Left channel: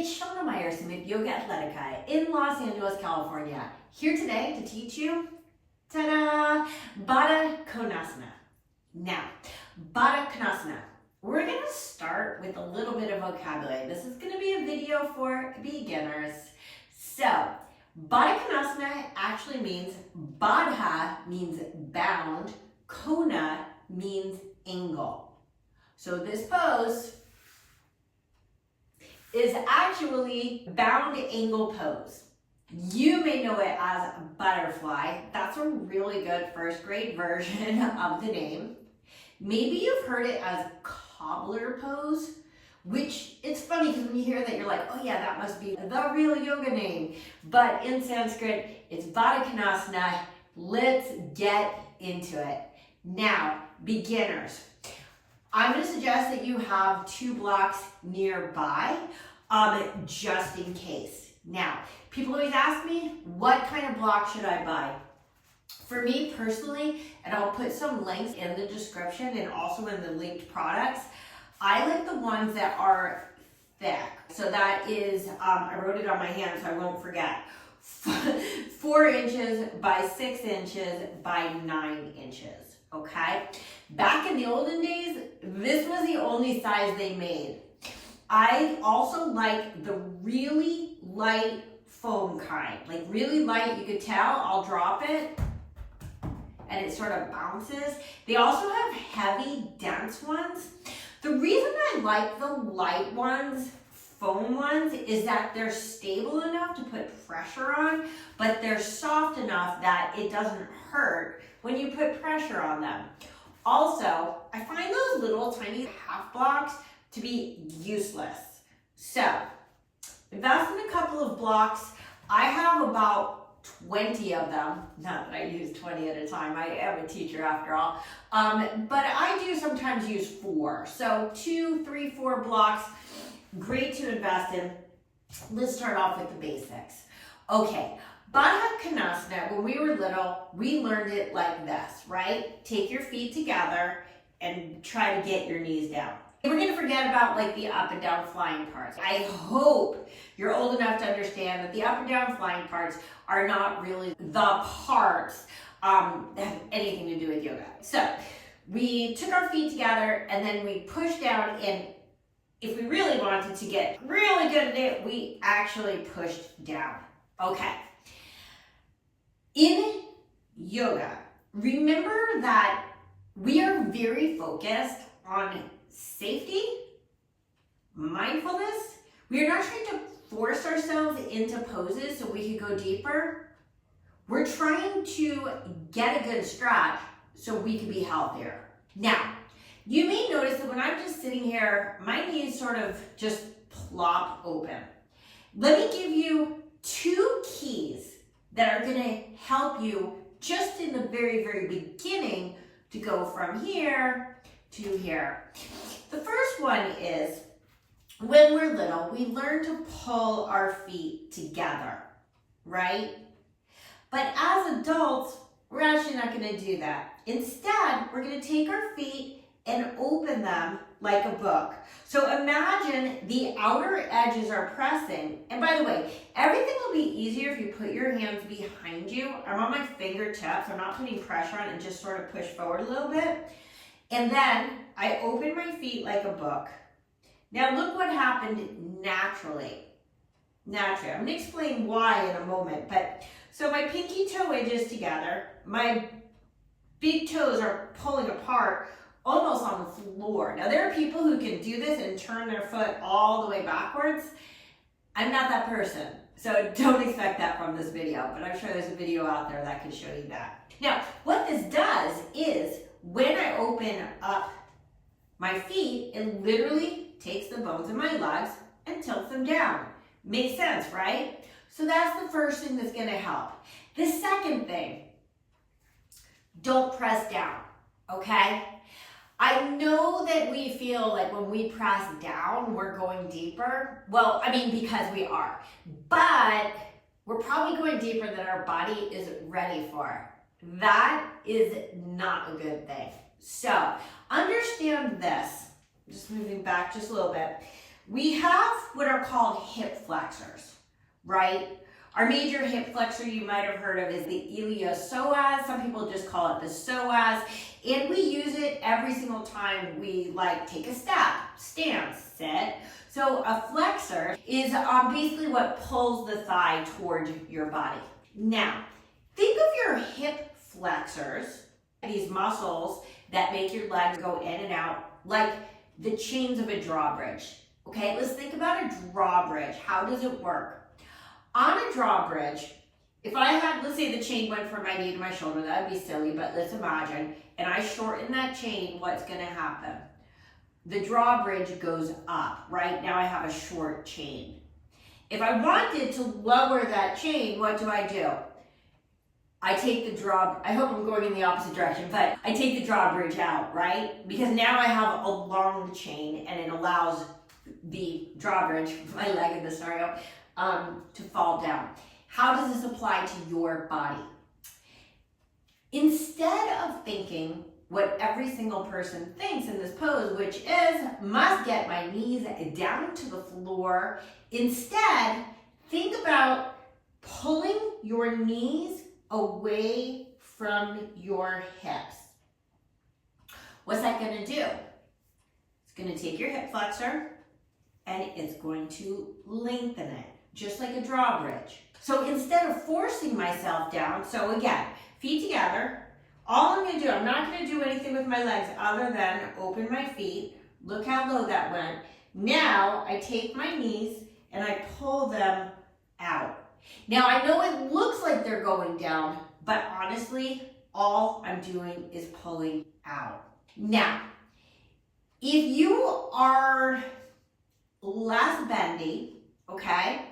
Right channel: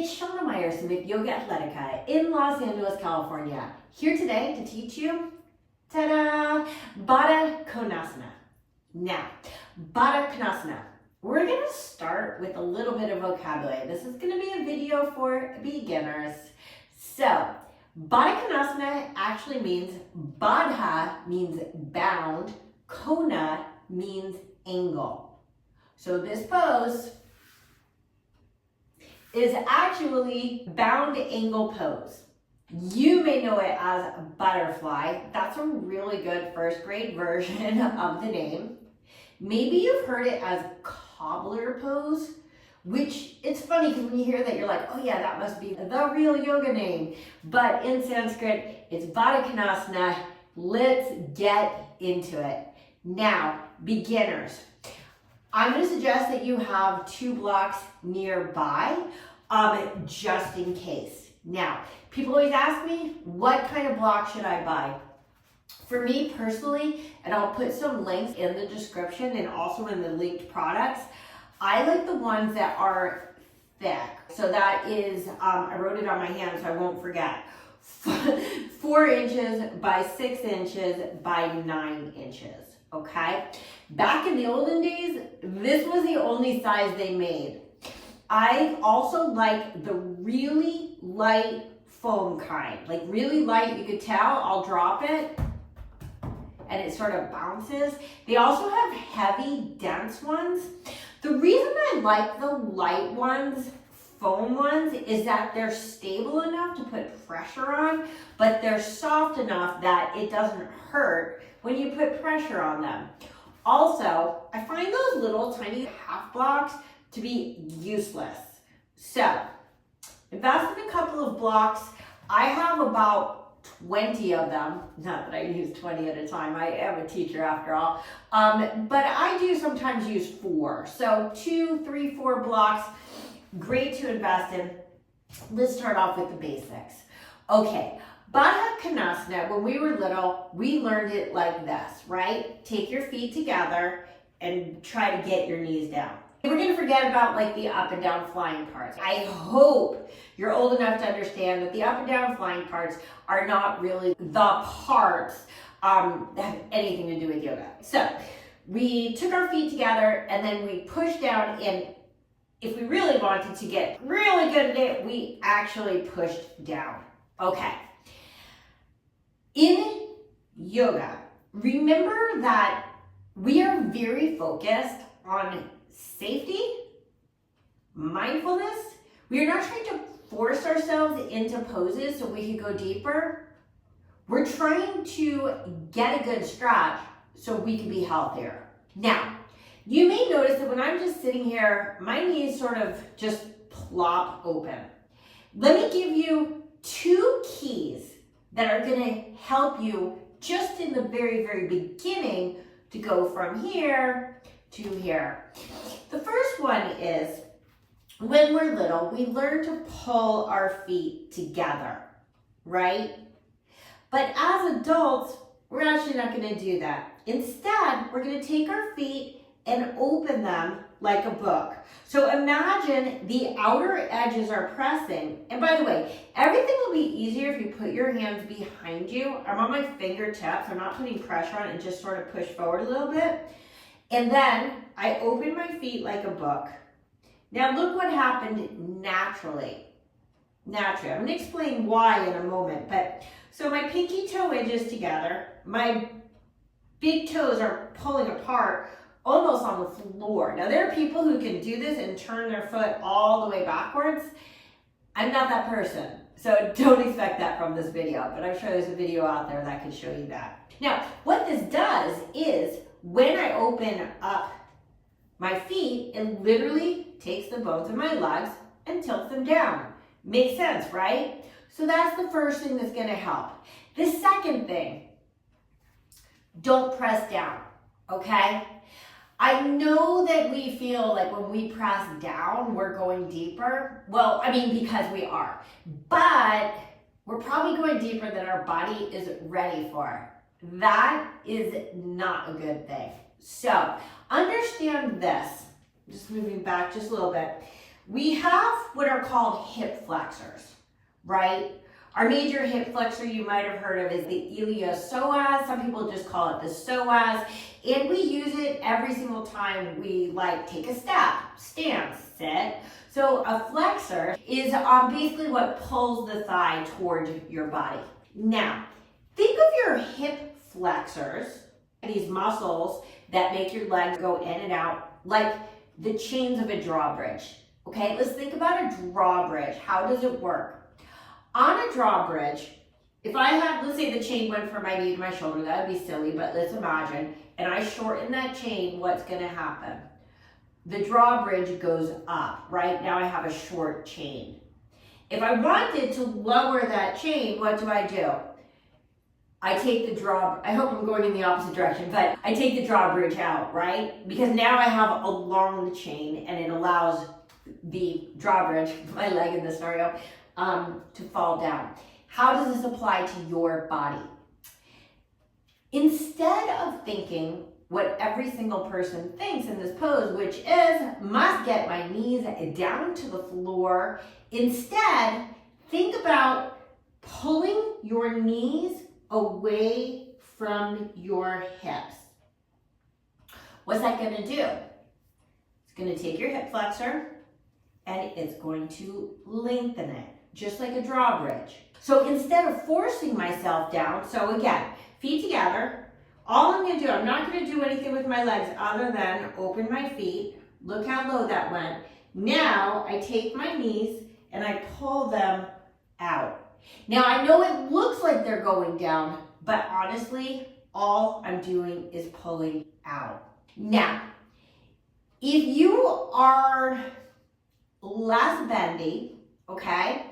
It's Shana Meyerson of YOGAthletica in Los Angeles, California. Here today to teach you, ta-da, Baddha Konasana. Now, Baddha Konasana. We're going to start with a little bit of vocabulary. This is going to be a video for beginners. So, Baddha Konasana actually means, Baddha means bound, Kona means angle. So this pose is actually bound angle pose. You may know it as butterfly. That's a really good first grade version of the name. Maybe you've heard it as cobbler pose, which it's funny because when you hear that, you're like, oh yeah, that must be the real yoga name. But in Sanskrit, it's Baddha Konasana. Let's get into it. Now, beginners. I'm going to suggest that you have 2 blocks nearby, just in case. Now, people always ask me, what kind of block should I buy? For me personally, and I'll put some links in the description and also in the linked products, I like the ones that are thick. So that is, I wrote it on my hand so I won't forget, 4 inches by 6 inches by 9 inches. Okay, back in the olden days, this was the only size they made. I also like the really light foam kind, like really light. You could tell, I'll drop it and it sort of bounces. They also have heavy, dense ones. The reason I like the light ones, foam ones, is that they're stable enough to put pressure on, but they're soft enough that it doesn't hurt when you put pressure on them. Also, I find those little tiny half blocks to be useless. So, invest in a couple of blocks. I have about 20 of them. Not that I use 20 at a time. I am a teacher after all. But I do sometimes use 4. So 2, 3, 4 blocks. Great to invest in. Let's start off with the basics. Okay. Baddha Konasana, when we were little, we learned it like this, right? Take your feet together and try to get your knees down. We're going to forget about like the up and down flying parts. I hope you're old enough to understand that the up and down flying parts are not really the parts that have anything to do with yoga. So we took our feet together and then we pushed down, and if we really wanted to get really good at it, we actually pushed down. Okay. In yoga, remember that we are very focused on safety, mindfulness. We are not trying to force ourselves into poses so we can go deeper. We're trying to get a good stretch so we can be healthier. Now, you may notice that when I'm just sitting here, my knees sort of just plop open. Let me give you 2 keys that are going to help you just in the very, very beginning to go from here to here. The first one is, when we're little, we learn to pull our feet together, right? But as adults, we're actually not going to do that. Instead, we're going to take our feet and open them like a book. So imagine the outer edges are pressing. And by the way, everything will be easier if you put your hands behind you. I'm on my fingertips. I'm not putting pressure on it, and just sort of push forward a little bit. And then I open my feet like a book. Now look what happened naturally. Naturally. I'm going to explain why in a moment. But so my pinky toe edges together. My big toes are pulling apart, almost on the floor. Now there are people who can do this and turn their foot all the way backwards. I'm not that person, so don't expect that from this video, but I'm sure there's a video out there that can show you that. Now, what this does is, when I open up my feet, it literally takes the bones of my legs and tilts them down. Makes sense, right? So that's the first thing that's gonna help. The second thing, don't press down, okay? I know that we feel like when we press down, we're going deeper. Well, I mean, because we are. But we're probably going deeper than our body is ready for. That is not a good thing. So, understand this. Just moving back just a little bit. we have what are called hip flexors, right? Our major hip flexor you might have heard of is the iliopsoas. Some people just call it the psoas. And we use it every single time we take a step, stand, sit. So a flexor is basically what pulls the thigh toward your body. Now, think of your hip flexors, these muscles that make your legs go in and out, like the chains of a drawbridge. Okay, let's think about a drawbridge. How does it work? On a drawbridge, if I had, let's say the chain went from my knee to my shoulder, that would be silly, but let's imagine, and I shorten that chain, what's going to happen? The drawbridge goes up, right? Now I have a short chain. If I wanted to lower that chain, what do? I take the I hope I'm going in the opposite direction, but I take the drawbridge out, right? Because now I have a long chain and it allows the drawbridge, my leg in this scenario, to fall down. How does this apply to your body? Instead of thinking what every single person thinks in this pose, which is, must get my knees down to the floor, instead, think about pulling your knees away from your hips. What's that going to do? It's going to take your hip flexor and it's going to lengthen it, just like a drawbridge. So instead of forcing myself down, so again, feet together, all I'm going to do, I'm not going to do anything with my legs other than open my feet. Look how low that went. Now I take my knees and I pull them out. Now I know it looks like they're going down, but honestly, all I'm doing is pulling out. Now, if you are less bendy, okay,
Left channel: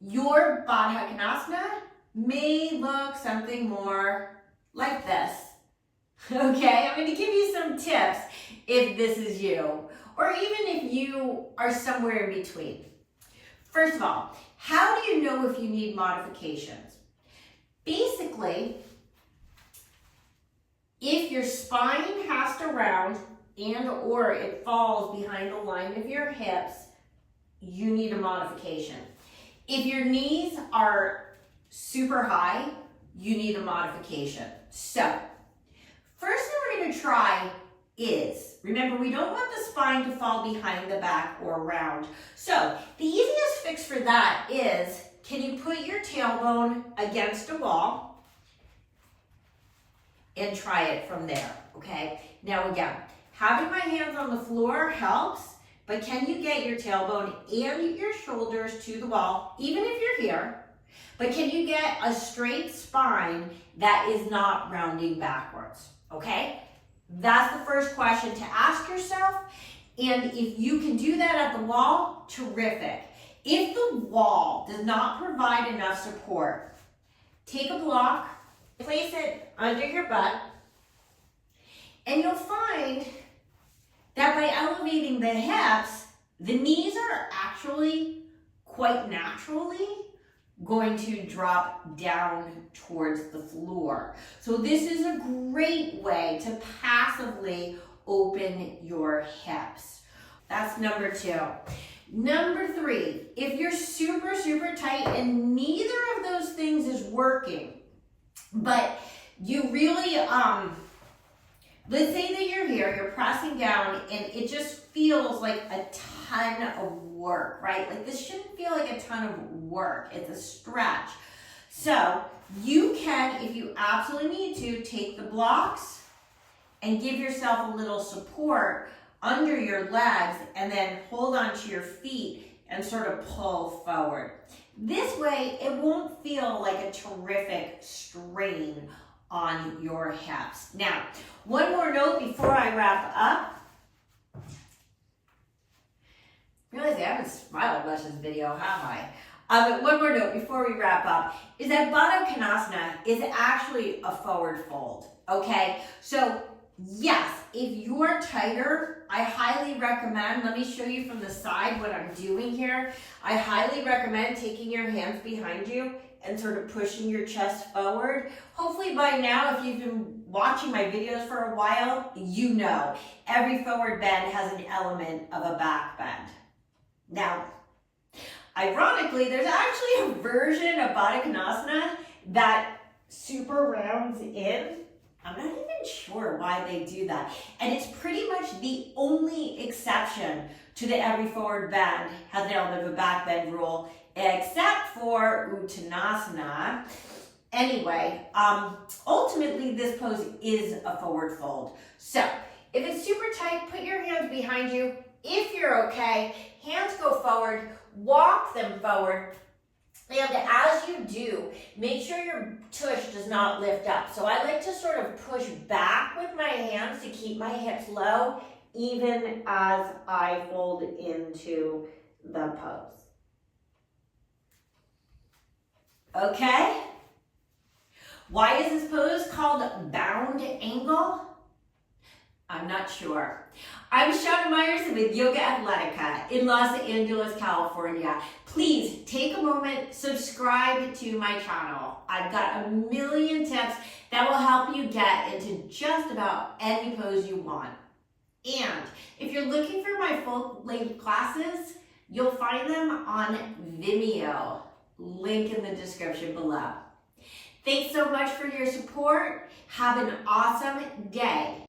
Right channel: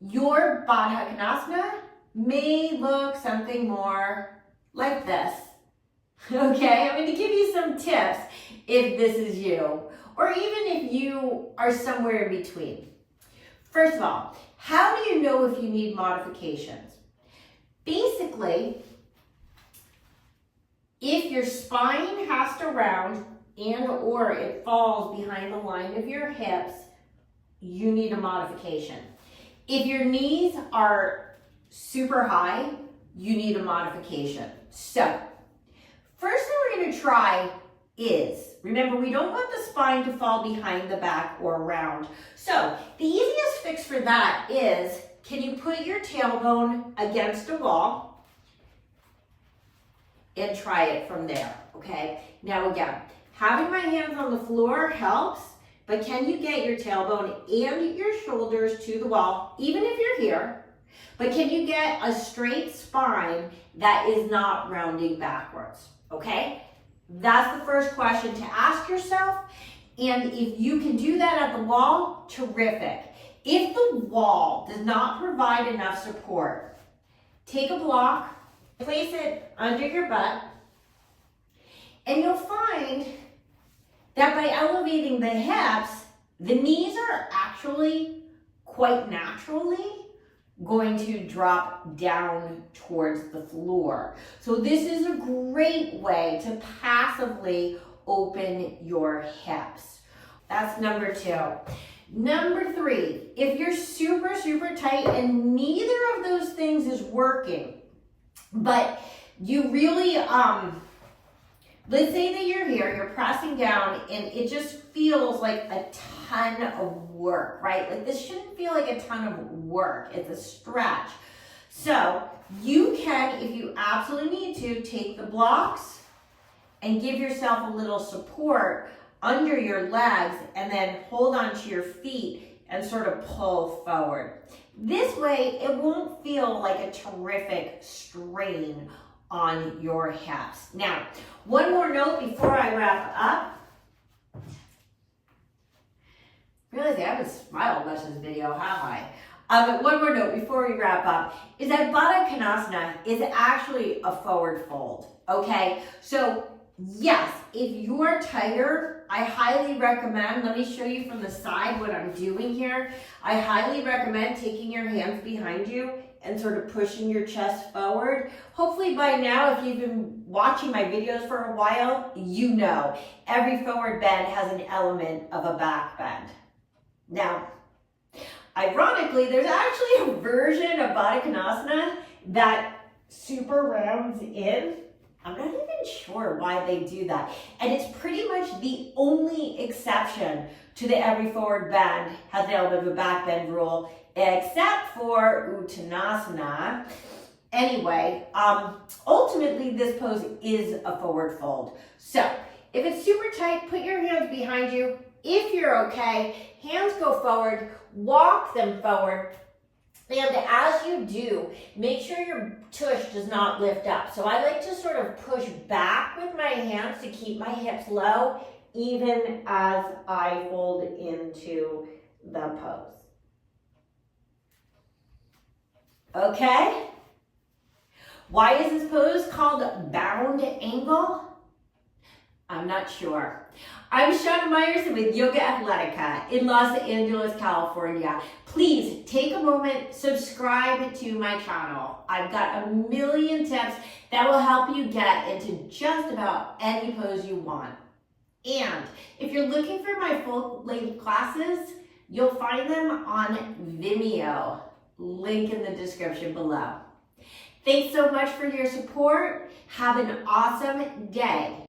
your Baddha Konasana may look something more like this. Okay, I'm going to give you some tips if this is you, or even if you are somewhere in between. First of all, how do you know if you need modifications? Basically, if your spine has to round and or it falls behind the line of your hips, you need a modification. If your knees are super high, you need a modification. So, first thing we're going to try is, remember, we don't want the spine to fall behind the back or around. So, the easiest fix for that is, can you put your tailbone against a wall and try it from there, okay? Now again, having my hands on the floor helps, but can you get your tailbone and your shoulders to the wall, even if you're here, but can you get a straight spine that is not rounding backwards, okay? That's the first question to ask yourself, and if you can do that at the wall, terrific. If the wall does not provide enough support, take a block, place it under your butt, and you'll find that by elevating the hips, the knees are actually quite naturally going to drop down towards the floor. So this is a great way to passively open your hips. That's number 2. Number 3, if you're super, super tight and neither of those things is working, but you really, let's say that you're here, you're pressing down and it just feels like a ton of work, right? Like this shouldn't feel like a ton of work, it's a stretch. So you can, if you absolutely need to, take the blocks and give yourself a little support under your legs and then hold onto your feet and sort of pull forward. This way, it won't feel like a terrific strain on your hips. Now, one more note before I wrap up. Realize I haven't smiled much in this video, have I? But one more note before we wrap up is that Baddha Konasana is actually a forward fold, okay? So yes, if you are tighter, I highly recommend, let me show you from the side what I'm doing here. I highly recommend taking your hands behind you and sort of pushing your chest forward. Hopefully by now, if you've been watching my videos for a while, you know every forward bend has an element of a back bend. Now, ironically, there's actually a version of Baddha Konasana that super rounds in. I'm not even sure why they do that. And it's pretty much the only exception to the every forward bend has an element of a back bend rule, except for Uttanasana. Anyway, ultimately this pose is a forward fold. So if it's super tight, put your hands behind you. If you're okay, hands go forward, walk them forward. And as you do, make sure your tush does not lift up. So I like to sort of push back with my hands to keep my hips low, even as I fold into the pose. Okay? Why is this pose called bound angle? I'm not sure. I'm Shana Meyerson with YOGAthletica in Los Angeles, California. Please take a moment, subscribe to my channel. I've got a million tips that will help you get into just about any pose you want. And if you're looking for my full-length classes, you'll find them on Vimeo. Link in the description below. Thanks so much for your support. Have an awesome day.